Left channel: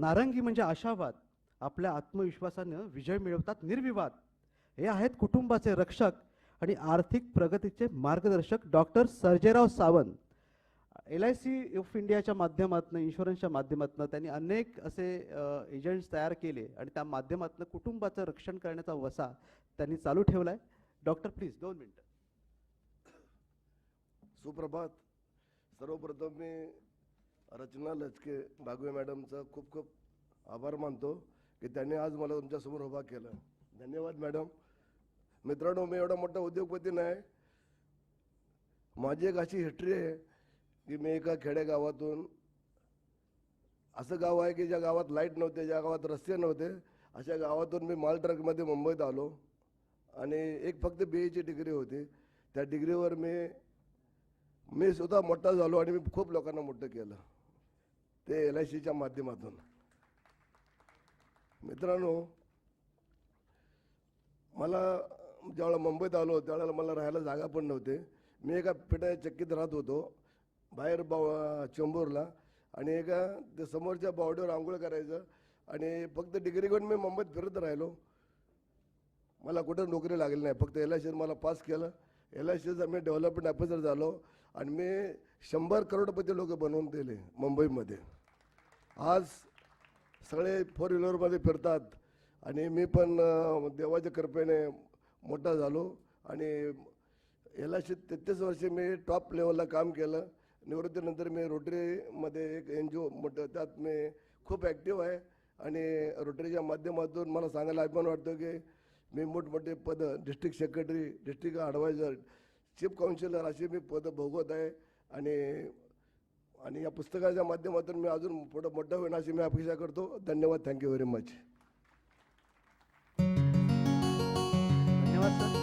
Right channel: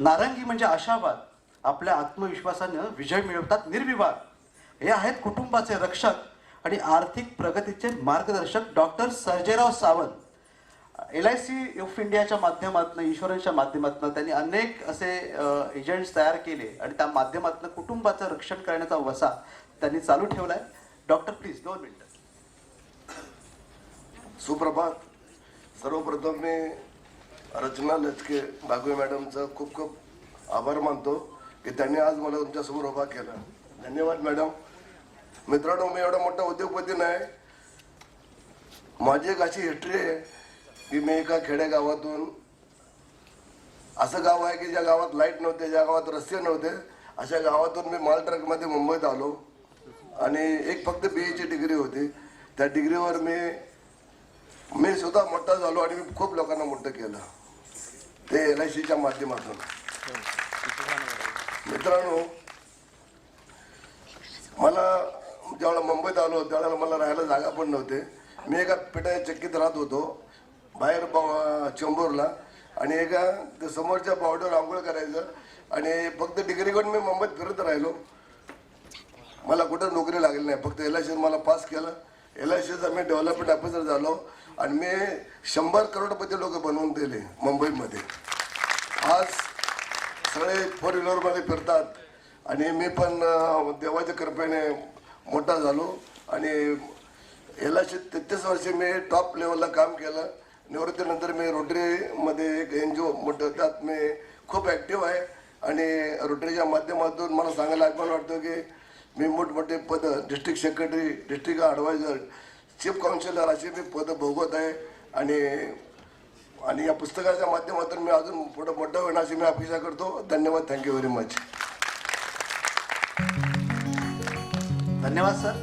नारंगी म्हणजे आशावाद. आपल्या आत्मविश्वासानं विजय मिळवतात निर्विवाद. हे आहेत कुटुंबाचे रक्षक आणि आर्थिक प्रगतीचे मार्गदर्शक doctor Sarjerao Sawant. L I C of इंडियाच्या माध्यमातून इन्शुरन्सच्या माध्यमातून त्यांनी अनेक असे एजंट्स तयार केले आणि त्या माध्यमातून कुटुंबाचं रक्षण करण्याचा वसा त्यांनी चालू ठेवलाय. डॉक्टर प्लीज दोन मिनिटं. सुप्रभात. सर्वप्रथम मी रचना लचके बागवे मॅडमचा खूप खूप आभार मानतो. की त्यांनी आज मला तुमच्यासमोर उभा केला. धन्यवाद मॅडम. मित्रांनो मी एवढा मोठा उद्योगपती नाही. माझी एक अशी हिस्ट्री आहे की मी एका खेडेगावातून असं गाव आहे की ज्या गावात लाइट नव्हते ज्या गावात रस्ते नव्हते अशा गावातून मी माल ट्रकमध्ये मुंबईत आलो. आणि एक फक्त बी ची डिग्री होती. त्या डिग्रीवर मी मी सुद्धा मोठा झालो आणि मी खूप लोकांना मोठं केलं. ते एल आय सीच्या माध्यमातून. मित्रांनो मला ज्यावेळेला मुंबईत आलो त्यावेळेला मला राहायला जागा पण नव्हते. मी एका पेटा चक्कीत राहत होतो बाहेर चेंबूरला. आणि एका समोरच्या पावडर आंघोळ करायचं. आणि फक्त डिग्री करून मी मुंबईत फिरत राहिलो. मला कुठं नोकरी लागली नाही. फक्त एल आय सी मला पास केलं. एल आय सीचा मी डेव्हलपमेंट ऑफिसर झालो. आणि मी शंभर करोडपती लोक बनवून दिले मुंबईमध्ये. आज सगळे फोर व्हीलरमध्ये फिरतात. आणि मी पण देवाच्या कृपेने मोठा झालो. आणि एल तेहतीस वर्षे मी टॉप लेवलला काम केलं. निवृत्तीनंतर मी रोटरीमध्ये एक एन जी ओ मोठं त्यात मी खूप ॲक्टिव्ह आहे. आणि रोटरीच्या माध्यमातून मला सांगायला अभिमान वाटतं की मी मोठमोठे पद district secretary district adviser chief councillor अशी मी पदं भोगवत आहे आणि आणि या पुस्तकाच्या माध्यमातून मी अजून पुढं मोठं होईन अशी मी अपेक्षा करतो. धन्यवाद. थँक्यू व्हेरी मच धन्यवाद सर